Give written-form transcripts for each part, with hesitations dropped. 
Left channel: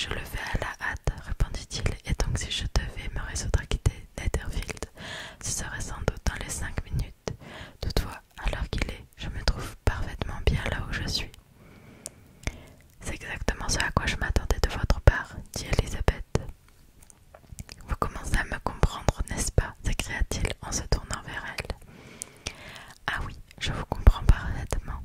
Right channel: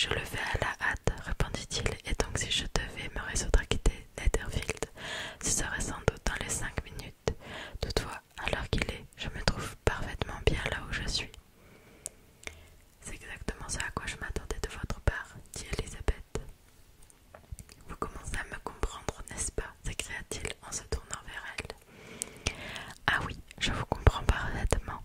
je le fais à la hâte, répondit-il, et donc si je devais me résoudre à quitter Netherfield, ce serait sans doute dans les 5 minutes. Toutefois, à l'heure qu'il est, je me trouve parfaitement bien là où je suis. C'est exactement ce à quoi je m'attendais de votre part, dit Elisabeth. Vous commencez à me comprendre, n'est-ce pas s'écria-t-il en se tournant vers elle. Ah oui, je vous comprends parfaitement.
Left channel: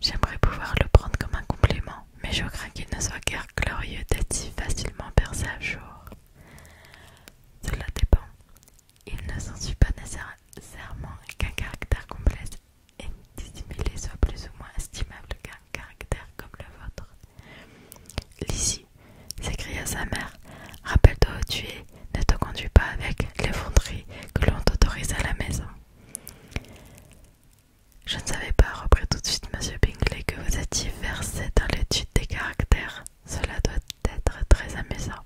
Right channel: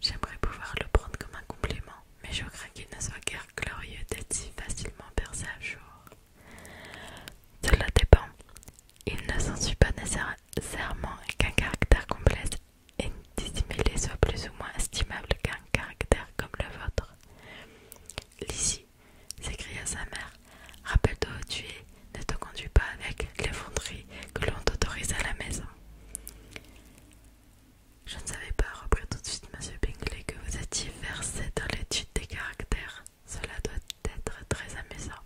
J'aimerais pouvoir le prendre comme un compliment, mais je crains qu'il ne soit guère glorieux d'être si facilement percé à jour. Cela dépend. Il ne s'ensuit pas nécessairement qu'un caractère complexe et dissimulé soit plus ou moins estimable qu'un caractère comme le vôtre. Lizzie, s'écria sa mère, rappelle-toi où tu es, ne te conduis pas avec l'effronterie que l'on t'autorise à la maison. Je ne savais pas, reprit tout de suite M. Bingley, que vous étiez versé dans l'étude des caractères. Cela doit être très amusant.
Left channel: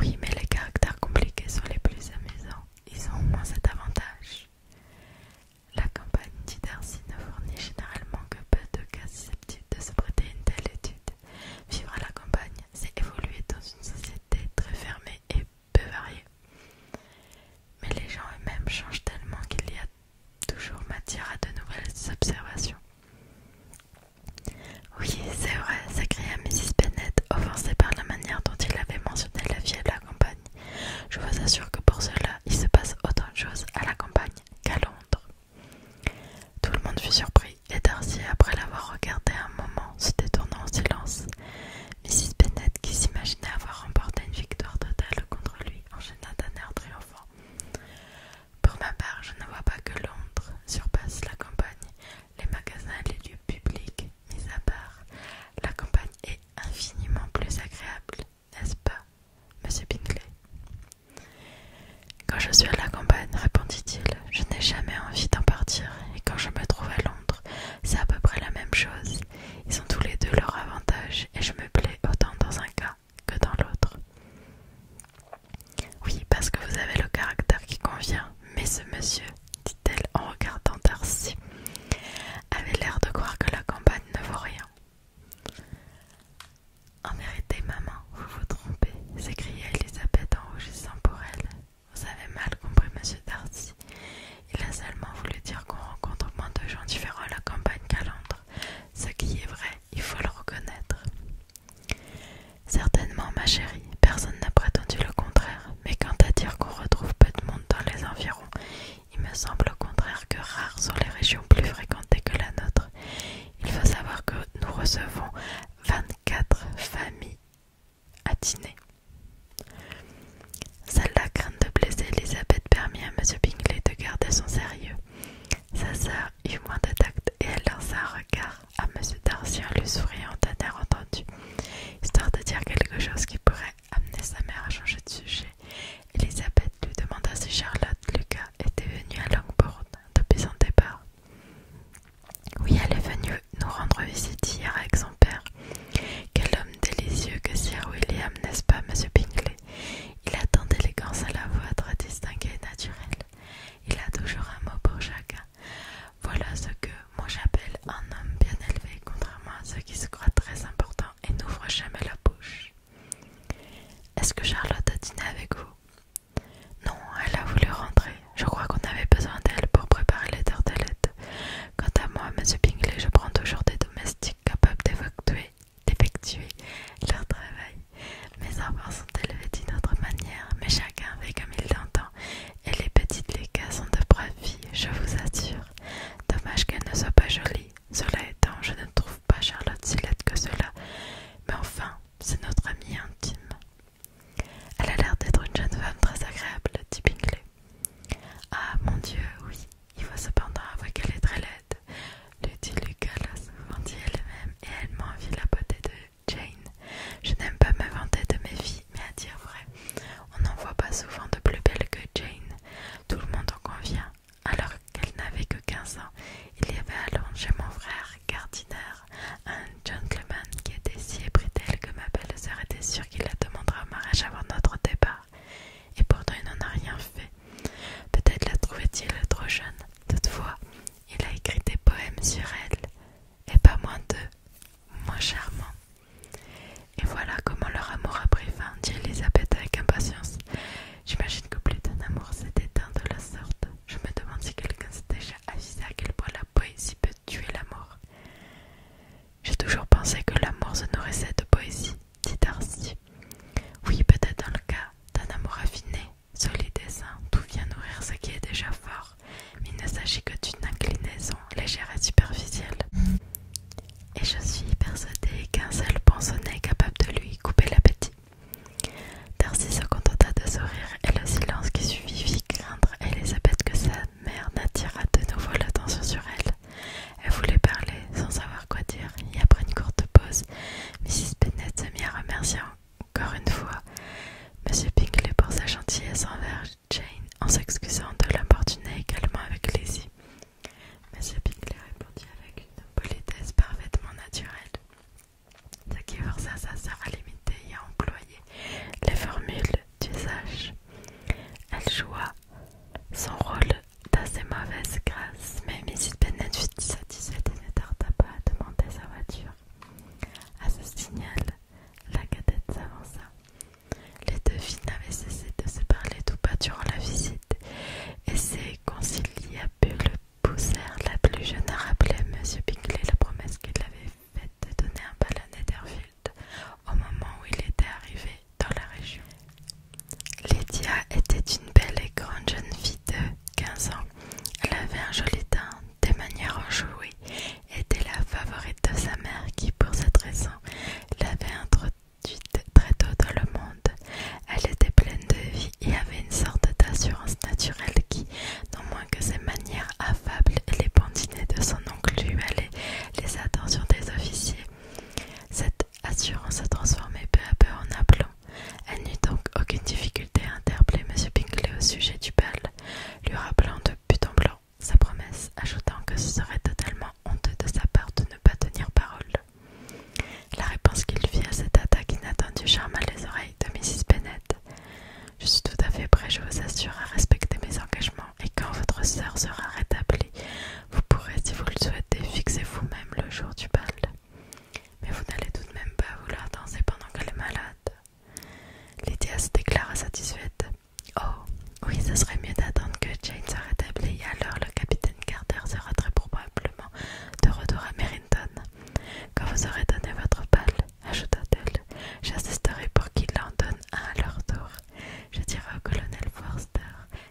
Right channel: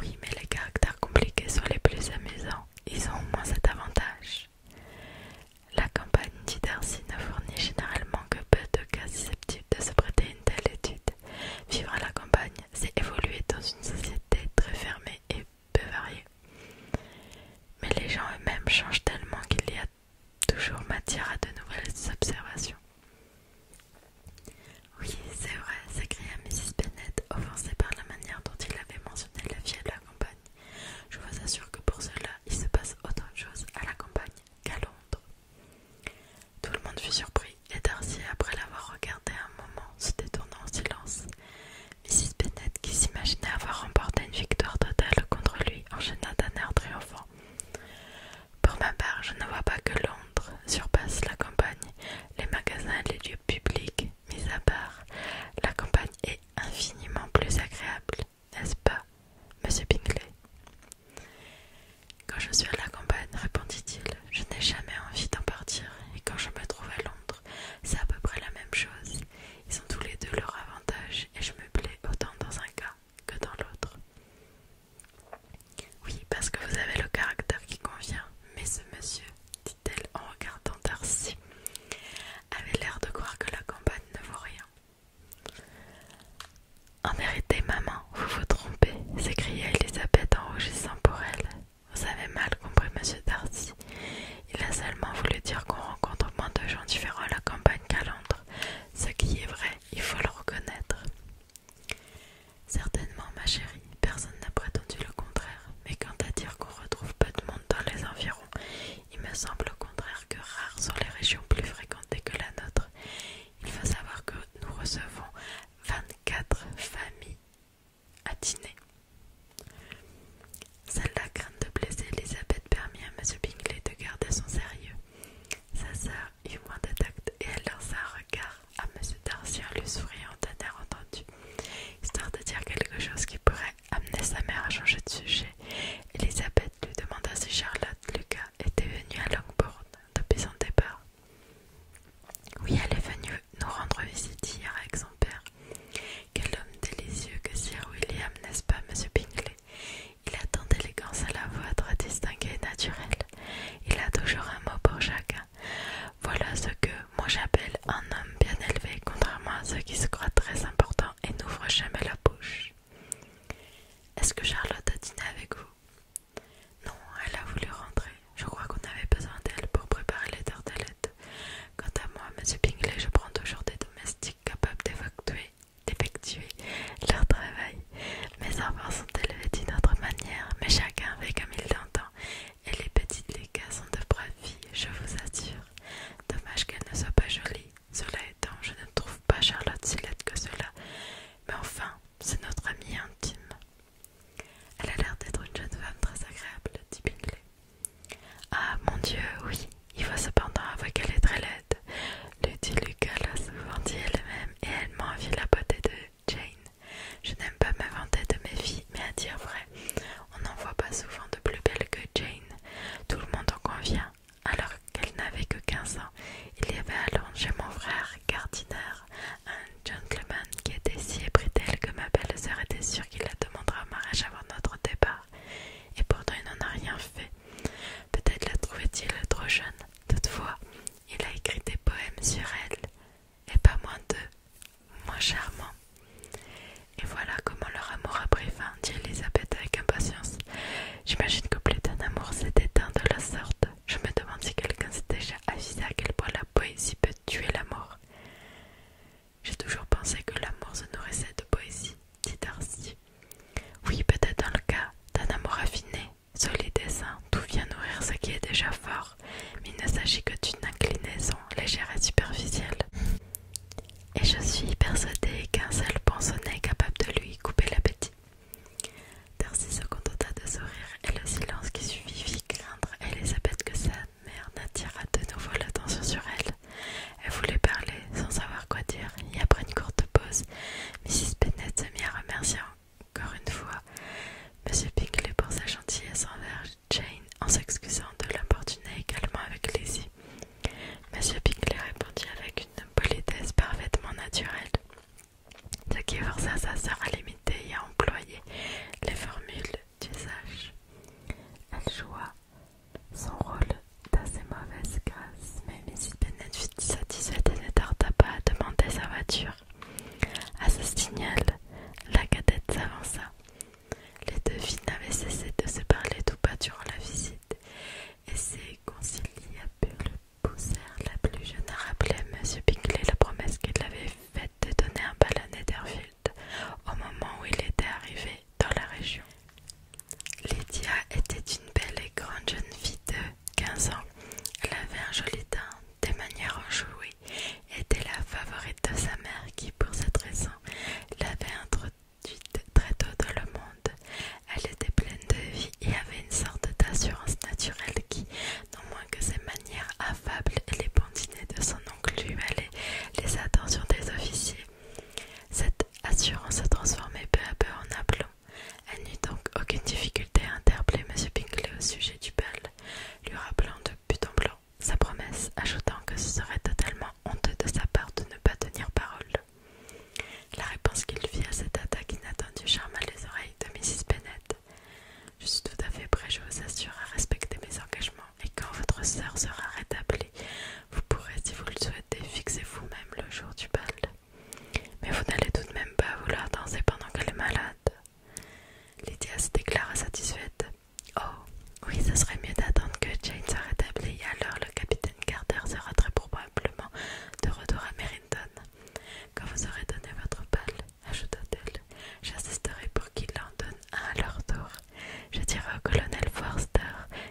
Oui, mais les caractères compliqués sont les plus amusants. Ils ont au moins cet avantage. La campagne, dit Darcy, ne fournit généralement que peu de cas susceptibles de se prêter à une telle étude. Vivre à la campagne, c'est évoluer dans une société très fermée et peu variée. Mais les gens eux-mêmes changent tellement qu'il y a toujours matière à de nouvelles observations. Oui, c'est vrai, s'écria Mrs. Bennet, offensée par la manière dont il avait mentionné la vie à la campagne. Je vous assure que pour cela, il se passe autant de choses à la campagne qu'à Londres. Tout le monde fut surpris, et Darcy, après l'avoir regardé un moment, se détourna en silence. Mrs. Bennet, qui s'imaginait avoir remporté une victoire totale contre lui, enchaîna d'un air triomphant. Pour ma part, je ne vois pas que Londres surpasse la campagne, les magasins et les lieux publics mis à part. La campagne est infiniment plus agréable, n'est-ce pas, monsieur Bingley? Quand je suis à la campagne, répondit-il, je n'ai jamais envie d'en partir, et quand je me trouve à Londres, c'est à peu près la même chose. Ils ont tous les deux leurs avantages, et je me plais autant dans un cas que dans l'autre. Oui, parce que vous avez le caractère qui convient, mais ce monsieur, dit-elle en regardant Darcy, avait l'air de croire que la campagne ne vaut rien. En vérité, maman, vous vous trompez, s'écria Elisabeth en rougissant pour elle. Vous avez mal compris monsieur Darcy. Il a seulement voulu dire qu'on rencontre moins de gens différents à la campagne qu'à Londres. Ce qui est vrai, il faut le reconnaître. Certainement, ma chérie, personne n'a prétendu le contraire, mais quant à dire qu'on retrouve peu de monde dans les environs, il me semble au contraire que rares sont les régions plus fréquentées que la nôtre. Il faut savoir que nous recevons 24 familles à dîner. Celle-là, crainte de blesser Elisabeth, permit à M. Bingley de garder son sérieux. Sa sœur eut moins de tact et elle lança un regard à M. Darcy en lui souriant d'un air entendu, histoire de dire quelque chose qui pourrait amener sa mère à changer de sujet. Elisabeth lui demanda si Charlotte Lucas était venue à Longbourn depuis son départ. Oui, elle est venue nous rendre visite hier avec son père. Quel homme délicieux que Sir William, n'est-ce pas, monsieur Bingley? Il a tant d'élégance à la voix très distinguée et naturelle. Il a toujours un mot pour chacun. Voilà ce que moi j'appelle un homme bien élevé, contrairement à ceux qui se croient très importants et n'ouvrent jamais la bouche. Est-ce que Charlotte a dîné avec J'imagine que plus d'un amour s'est éteint de la sorte. Je me demande si quelqu'un s'est déjà avisé à quel point la poésie peut tuer l'amour. J'ai toujours pensé que l'amour se nourrissait de poésie, dit Darcy. Oui, peut-être dans le cas d'un amour raffiné, solide et sain, tout vient nourrir ce qui est déjà fort, mais il ne s'agit que d'une inclinaison légère et superficielle. Et je suis persuadée qu'un seul ponceau est capable de lui couper l'appétit. Darcy se contenta de sourire et le silence qui suivit fit craindre à Elisabeth que sa mère n'attirât de nouveau l'attention sur elle. Elle voulait parler sans savoir quoi dire et après une courte pause, Mrs. Bennet se mit à remercier encore une fois M. Bingley pour sa gentillesse envers Jane en s'excusant de l'importuner également avec Lizzie. M. Bingley répondit avec une politesse parfaitement naturelle, ce qui força sa sœur à l'imiter et à employer les formules d'usage. Elle joua son rôle d'assez mauvaise grâce, mais Mrs. Bennet fut satisfaite et ne tarda pas à demander sa voiture. À ce signal, la cadette s'avança. Les deux filles n'avaient cessé de se parler tout bas durant la visite, et ces conciliabules poussèrent la plus jeune à rappeler à M. Bingley la promesse qu'il avait faite de donner un bal à Netherfield au moment où il était arrivé dans la région. Lydia était une belle et grande jeune fille de 15 ans. Elle avait un joli teint, des manières enjouées, et était la favorite de sa mère qui, pour cette raison, l'avait introduite très tôt dans le monde. Elle était pleine de vie et avait une sorte d'assurance naturelle qui, non moins que ses manières affables et les bons dîners de son oncle lui valaient les attentions des officiers. Cette assurance se transformait peu à peu en aplomb. Elle n'eut donc aucune difficulté à interpeller M. Bingley au sujet du bal, lui rappelant de but en blanc sa promesse, ajoutant que ce serait totalement honteux de sa part de ne pas tenir parole. La réponse qu'il fit à cette attaque inattendue charma les oreilles de Mrs. Bennet. « Je suis tout à fait prêt, je vous assure, à respecter mes engagements, et quand votre sœur sera rétablie, vous pourrez, si vous le souhaitez, fixer vous-même le jour du bal. Mais vous n'allez tout de même pas vouloir danser pendant qu'elle est malade. » Lydia se déclara satisfaite. « Oh, oui, ce serait mieux d'attendre que Jane soit rétablie, et alors le capitaine Carter sera très probablement de retour à Merrington. Quand vous aurez donné votre bal, ajouta-t-elle, j'assisterai pour qu'il en donne un à leur tour. Je dirai au colonel Forster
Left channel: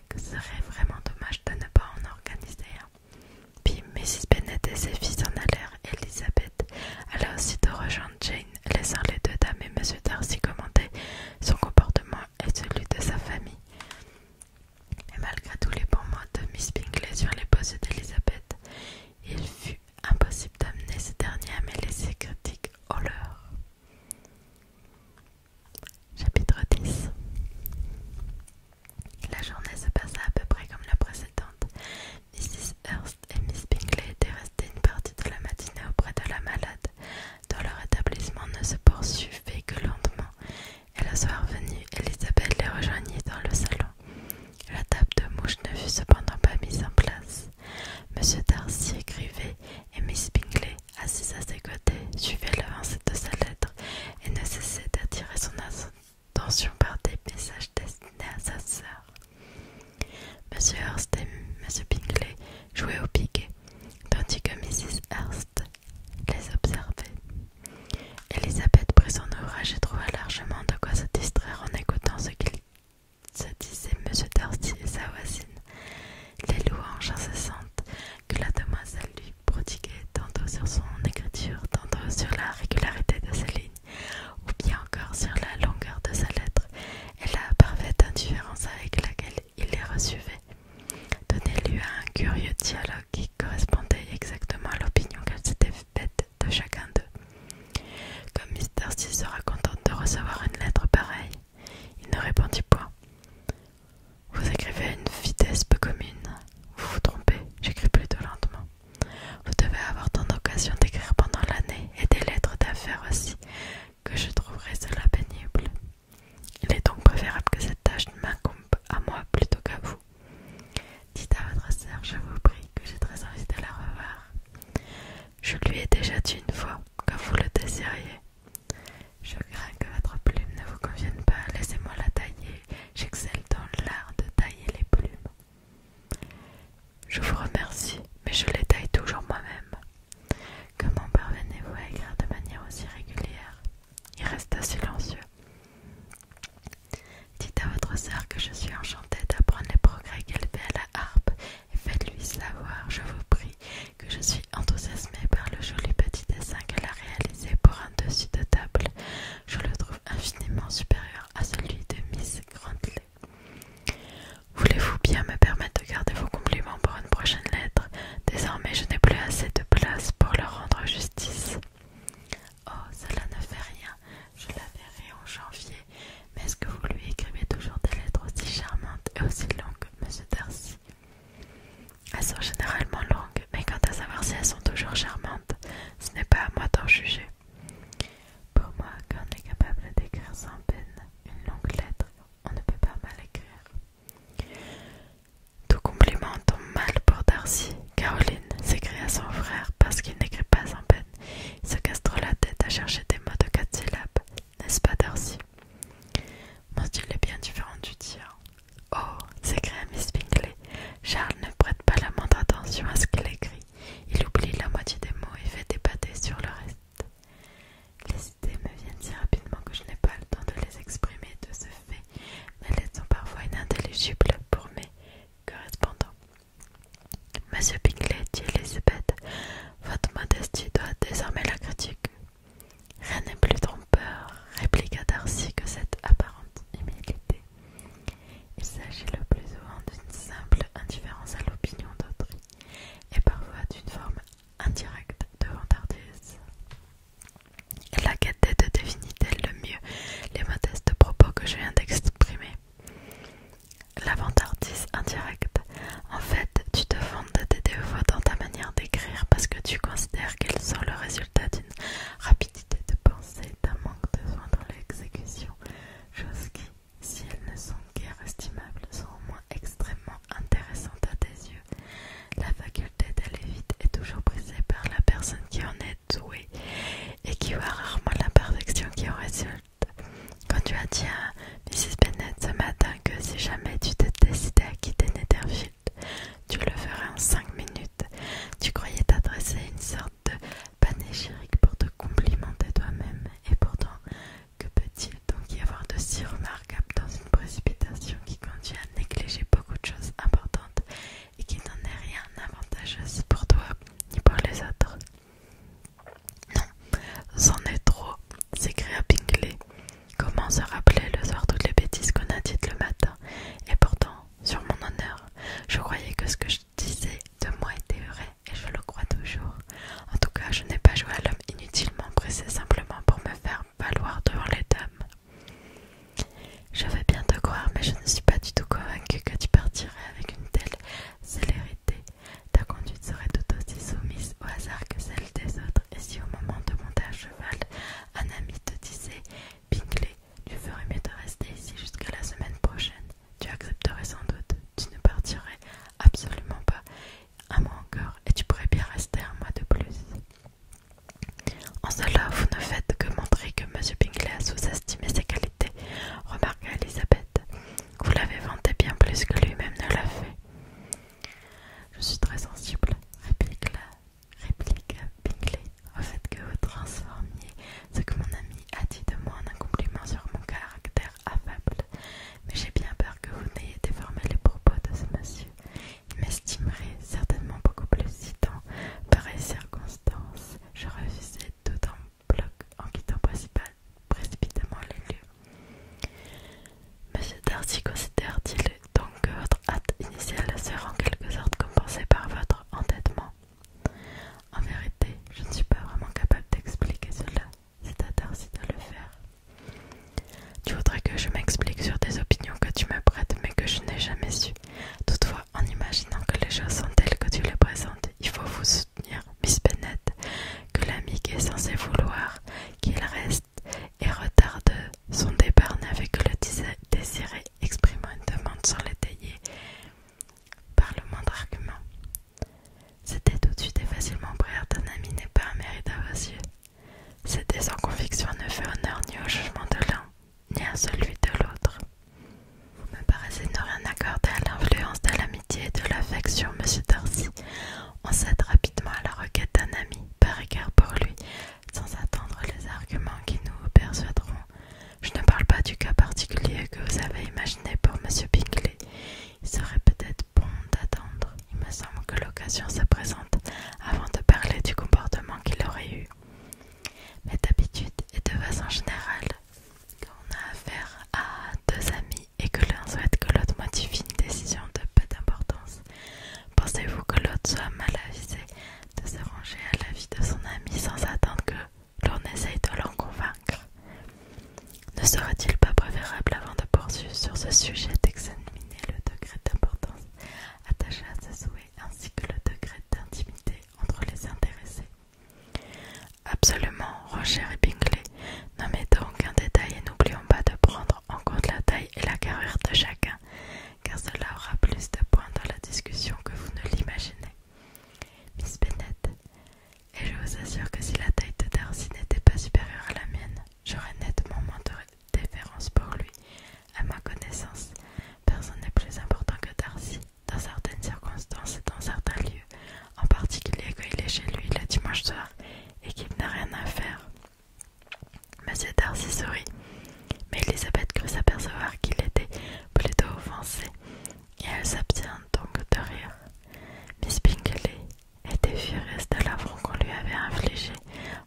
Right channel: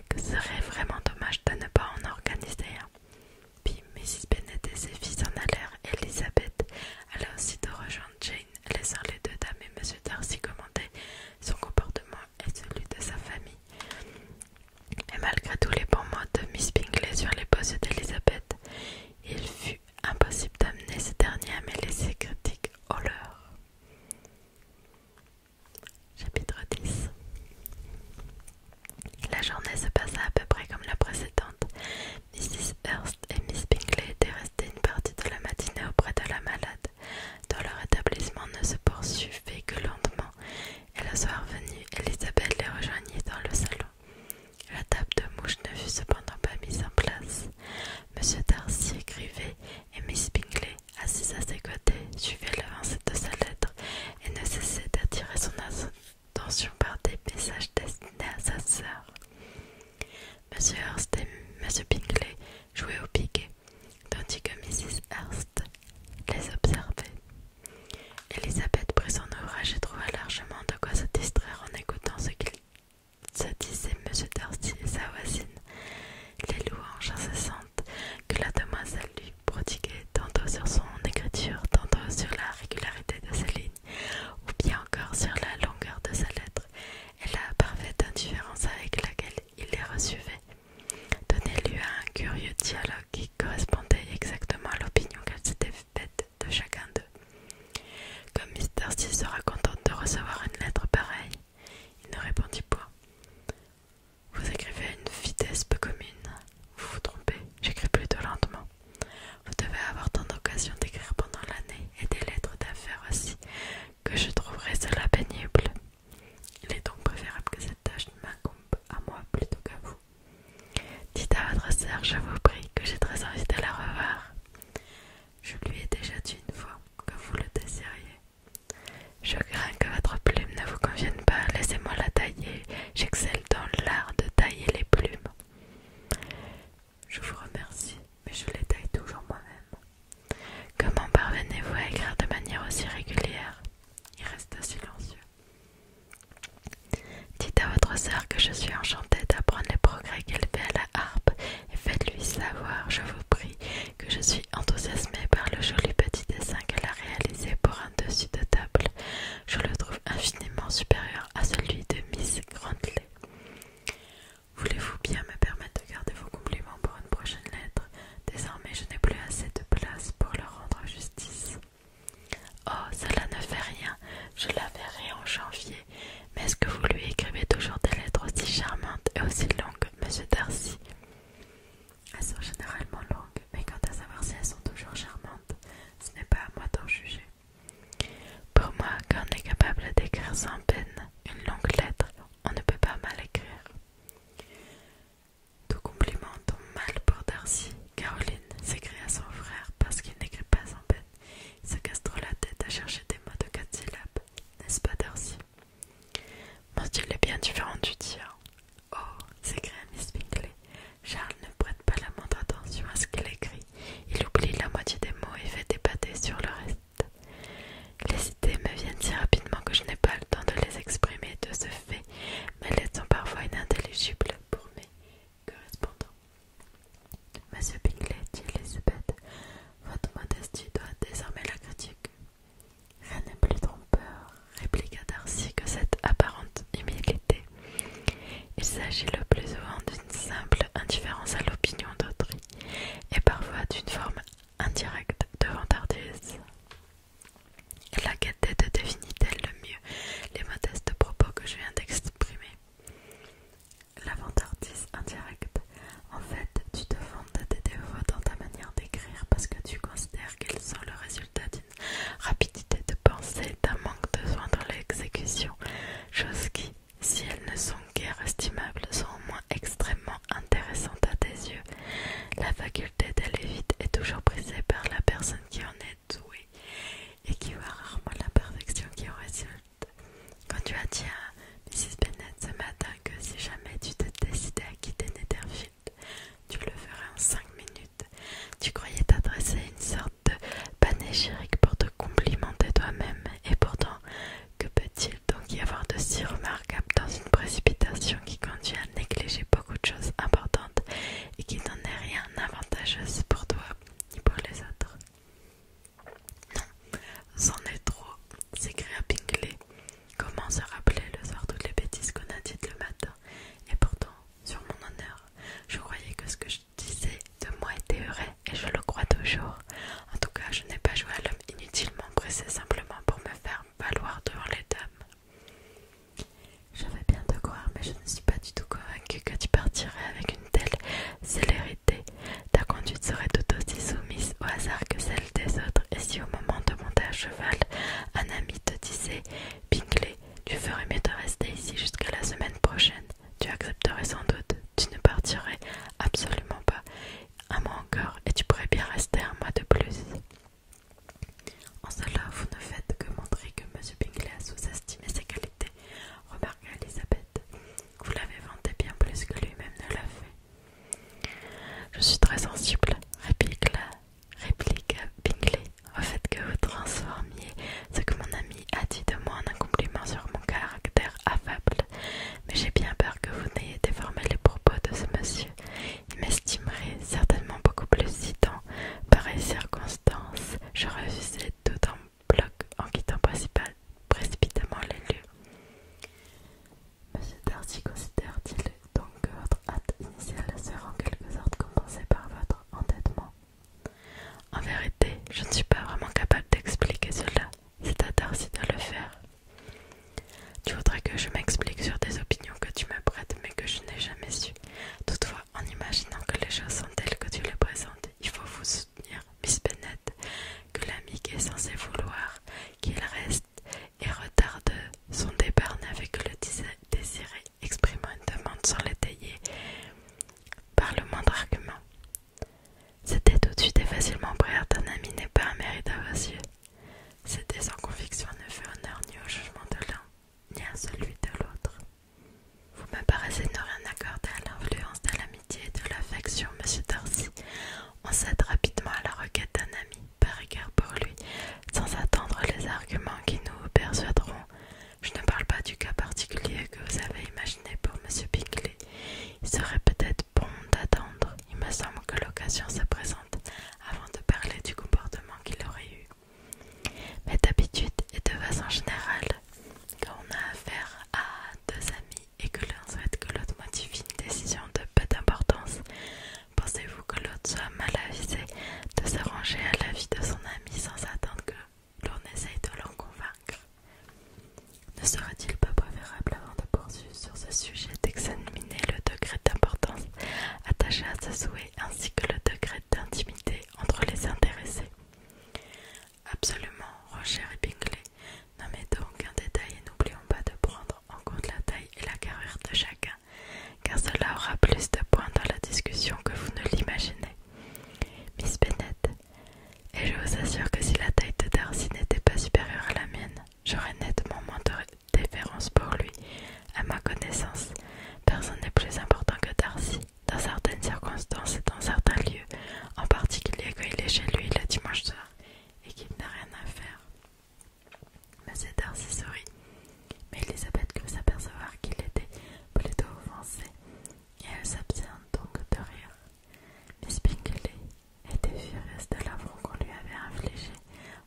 que ce serait vraiment dommage de ne pas en organiser un. » Puis Mrs. Bennet et ses filles s'en allèrent, et Elisabeth alla aussitôt rejoindre Jane, laissant les deux dames et M. Darcy commenter son comportement et celui de sa famille. Mais malgré tous les bons mots de Miss Bingley sur les beaux yeux d'Elisabeth, il fut impossible d'amener ce dernier à mêler ses critiques aux leurs. Chapitre 10. La journée se passa à peu près comme la précédente. Mrs. Hurst et Miss Bingley étaient restées une partie de la matinée auprès de la malade, dont leur établissement ne se poursuivait que lentement, et le soir venu, Elisabeth les rejoignit dans le salon. La table de mouche ne fut cependant pas mise en place. M. Darcy écrivait, et Miss Bingley, assise à ses côtés, suivait l'avancée de sa lettre et ne cessait d'attirer son attention par des messages destinés à sa sœur. M. Hurst et M. Bingley jouaient au piquet, tandis que Mrs. Hurst les observait. Elisabeth prit son ouvrage et trouva largement de quoi se distraire en écoutant ce qu'il se disait M. Darcy et sa voisine, les louanges incessantes que la demoiselle lui prodiguait tantôt sur son écriture, tantôt sur la régularité de ses lignes, ou bien encore sur la longueur de sa lettre, et la parfaite indifférence avec laquelle il les recevait, donnait lieu à un curieux dialogue qui correspondait exactement à l'opinion qu'elle s'était faite de chacun d'eux. Comme Miss Darcy sera contente de recevoir une lettre pareille, il ne répondit point. Vous écrivez à une vitesse peu commune. Vous vous trompez, j'écris plutôt lentement. Vous devez avoir tant d'occasions d'écrire pendant l'année, et des lettres d'affaires aussi, que je trouverai cela pénible. Il est donc préférable que cette tâche m'incombe à moi plutôt qu'à vous. Dites à votre sœur, je vous prie, que j'ai très envie de la revoir. Je lui ai déjà dit une fois que vous le désiriez. Je crains que votre plume ne vous convienne pas, laissez-moi la tailler, j'excelle dans n'est-ce pas Darcy? Mon style est bien différent du tien. Oh, s'écria Miss Bingley. Charles ne prête pas la moindre attention à ce qu'il écrit. Il oublie la moitié des mots et fait des pâtés sur le reste. Les idées me viennent si rapidement que je n'ai pas le temps de les exprimer de ce fait, mais elles sont parfois inintelligibles pour mes correspondants. Monsieur Bingley, dit Elizabeth, votre modestie doit désormais la critique. Rien n'est plus trompeur, répliqua Darcy, que cette apparente humilité. Il s'agit le plus souvent d'une simple indifférence à l'opinion d'autrui, et parfois d'une forme indirecte de vantardise. Laquelle de définit-elle le mieux les modestes propos que je viens d'exprimer? La vantardise indirecte. En fait, tu te vantes de tes défauts dans ta manière d'écrire parce que tu considères qu'ils sont le résultat d'une rapidité de pensée, d'un manque de soin dans l'exécution, chose qui, si elles ne sont guère estimables, sont au moins extrêmement intéressantes à tes yeux. La faculté d'aller vite est toujours prisée par la personne qui en est douée et qui voit rarement l'imperfection qui en résulte. Quand tu as dit à Mrs. Bennet ce matin que si jamais tu te décidais à quitter Netherfield, tu le ferais en 5 minutes, tu croyais t'adresser à une sorte de panégyrique pour te complimenter toi-même, et pourtant, que peut-il donc y avoir de si remarquable dans une précipitation qui conduit à négliger beaucoup de choses importantes et qui n'en est rien avantageuse pour toi ni pour les autres? Non, c'en est trop, s'écria Bingley. Comment se rappeler le connaissance. Personne n'est plus important que Darcy, dans certaines circonstances et dans certains lieux, en particulier quand il est chez lui le dimanche soir et qu'il n'a rien à faire. Monsieur Darcy sourit, mais Elisabeth crut s'apercevoir qu'il était plutôt offensé, et elle s'abstint donc de rire. Miss Bingley était furieuse de l'affront qu'on lui avait infligé,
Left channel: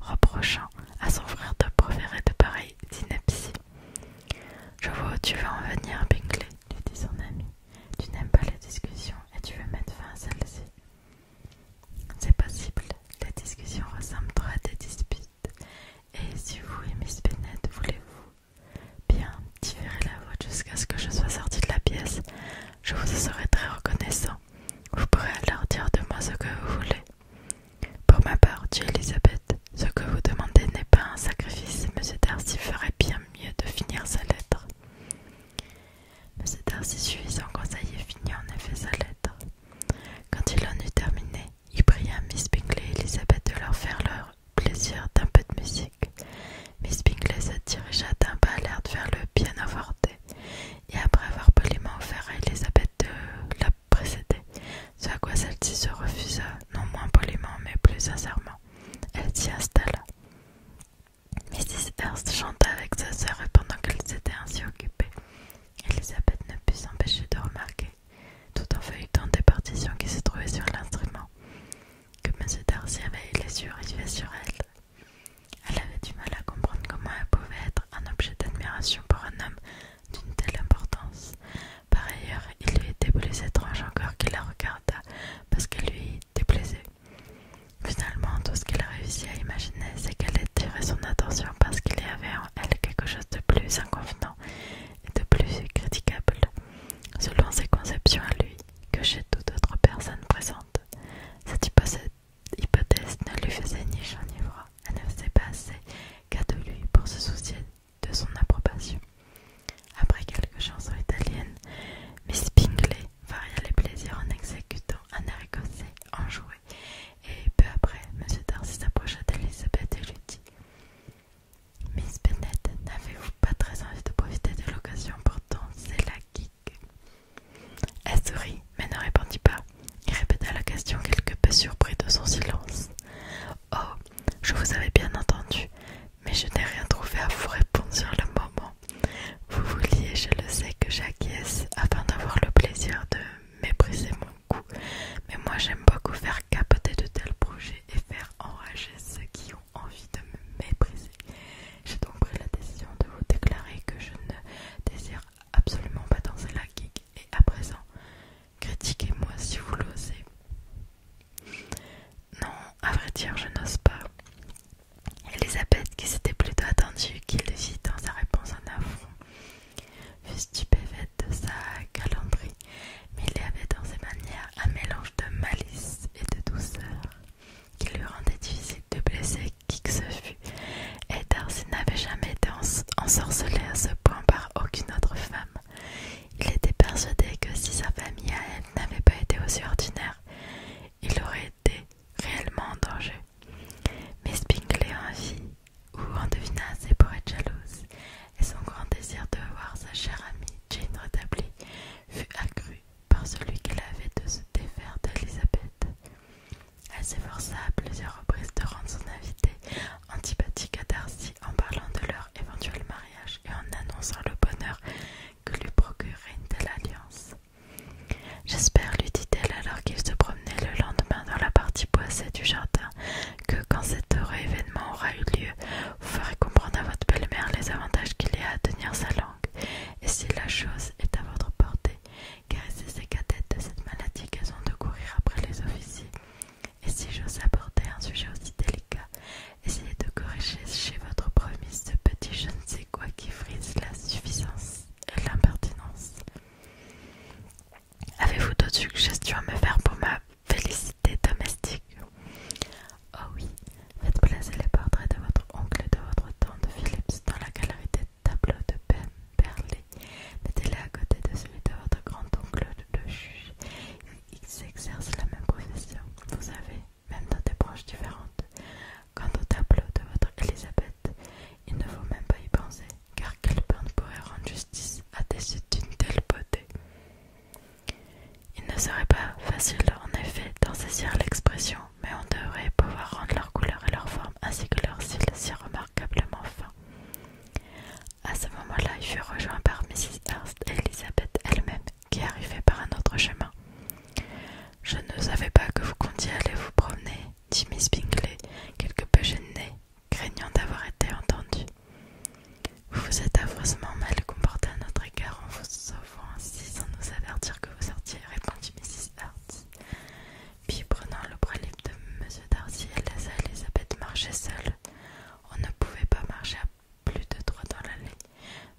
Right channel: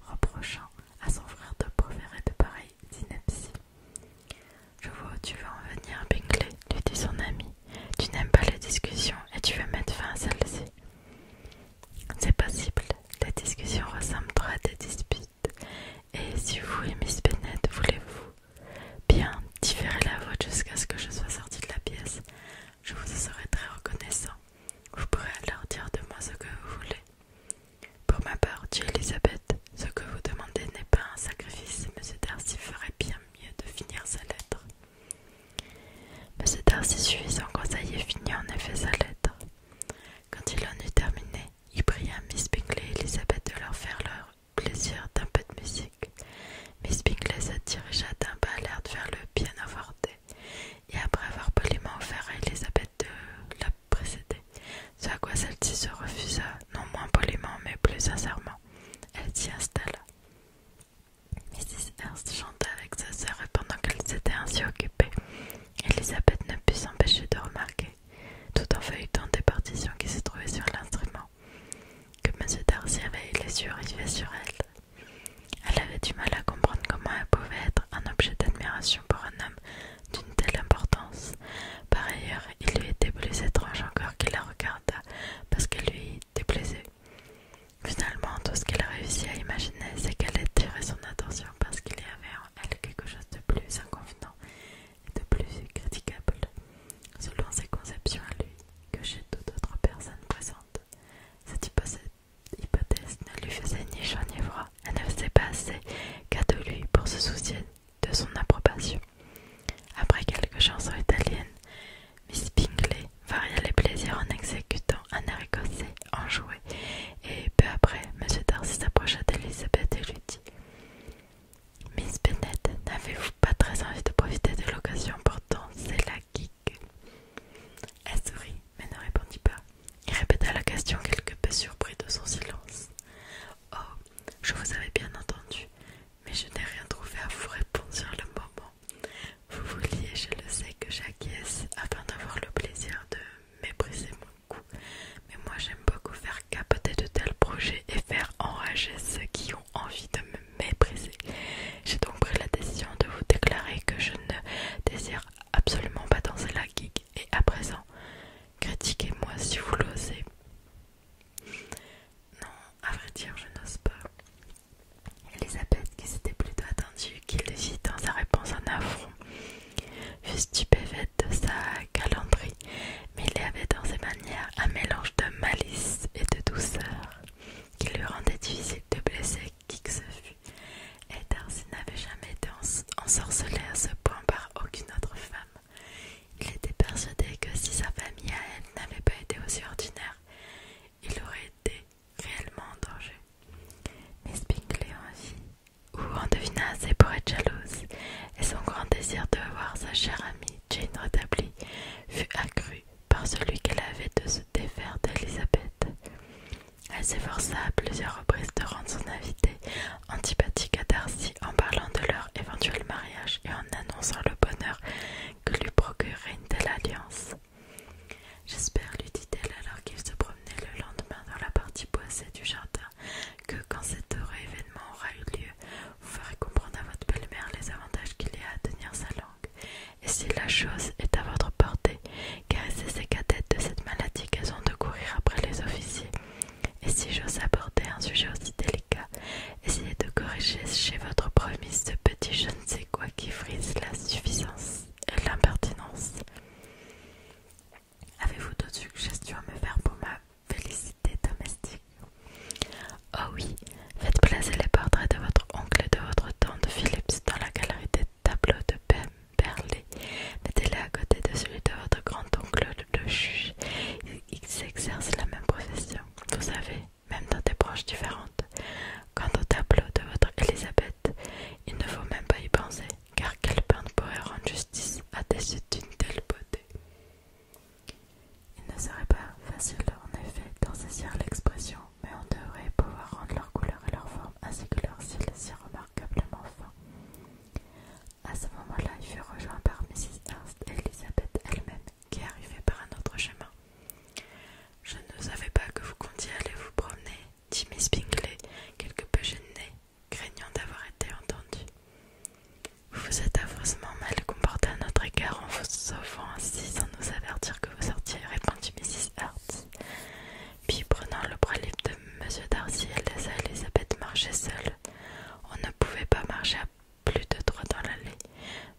reprochant à son frère de proférer de pareilles inepties. « Je vois où tu veux en venir, Bingley,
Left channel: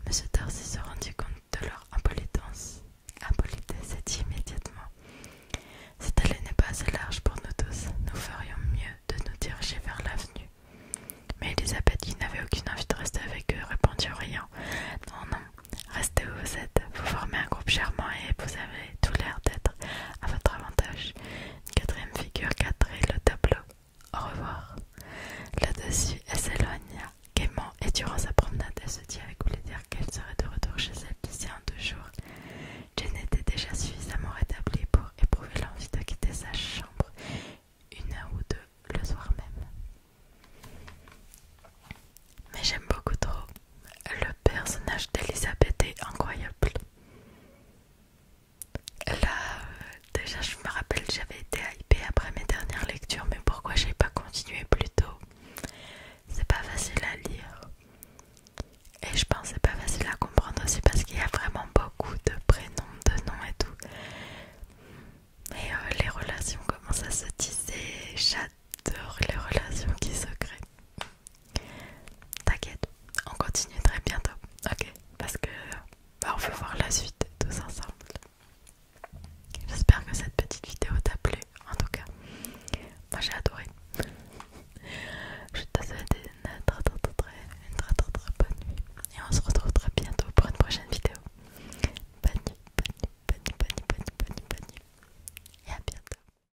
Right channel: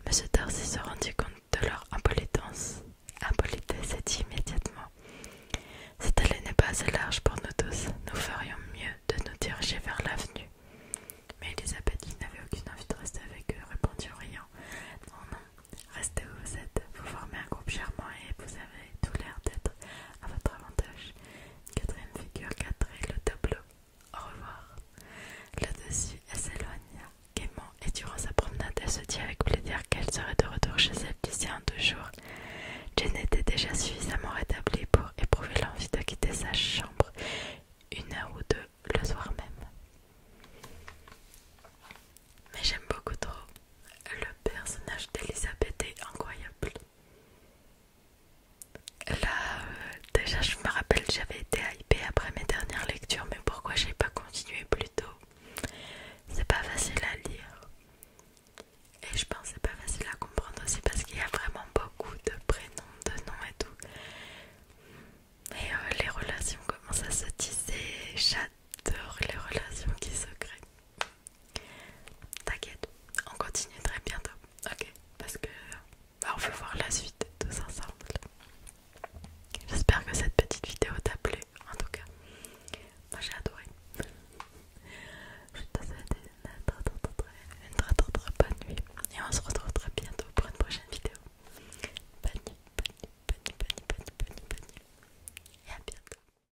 Monsieur Darcy se rendit compte de leur impolitesse et dit immédiatement: cette allée n'est pas assez large pour nous tous, nous ferions mieux de nous diriger vers l'avenue. Mais Elisabeth, qui n'avait aucune envie de rester avec eux, répondit en riant: non, non, restez où vous êtes, vous formez un groupe charmant et vous avez tout l'air d'être à votre avantage. Une quatrième figure cadrait le tableau. Au revoir. Là-dessus, elle s'éloigna gaiement et durant sa promenade, elle se dit avec plaisir qu'elle serait de retour chez elle d'ici un 2 jours. Jane était déjà suffisamment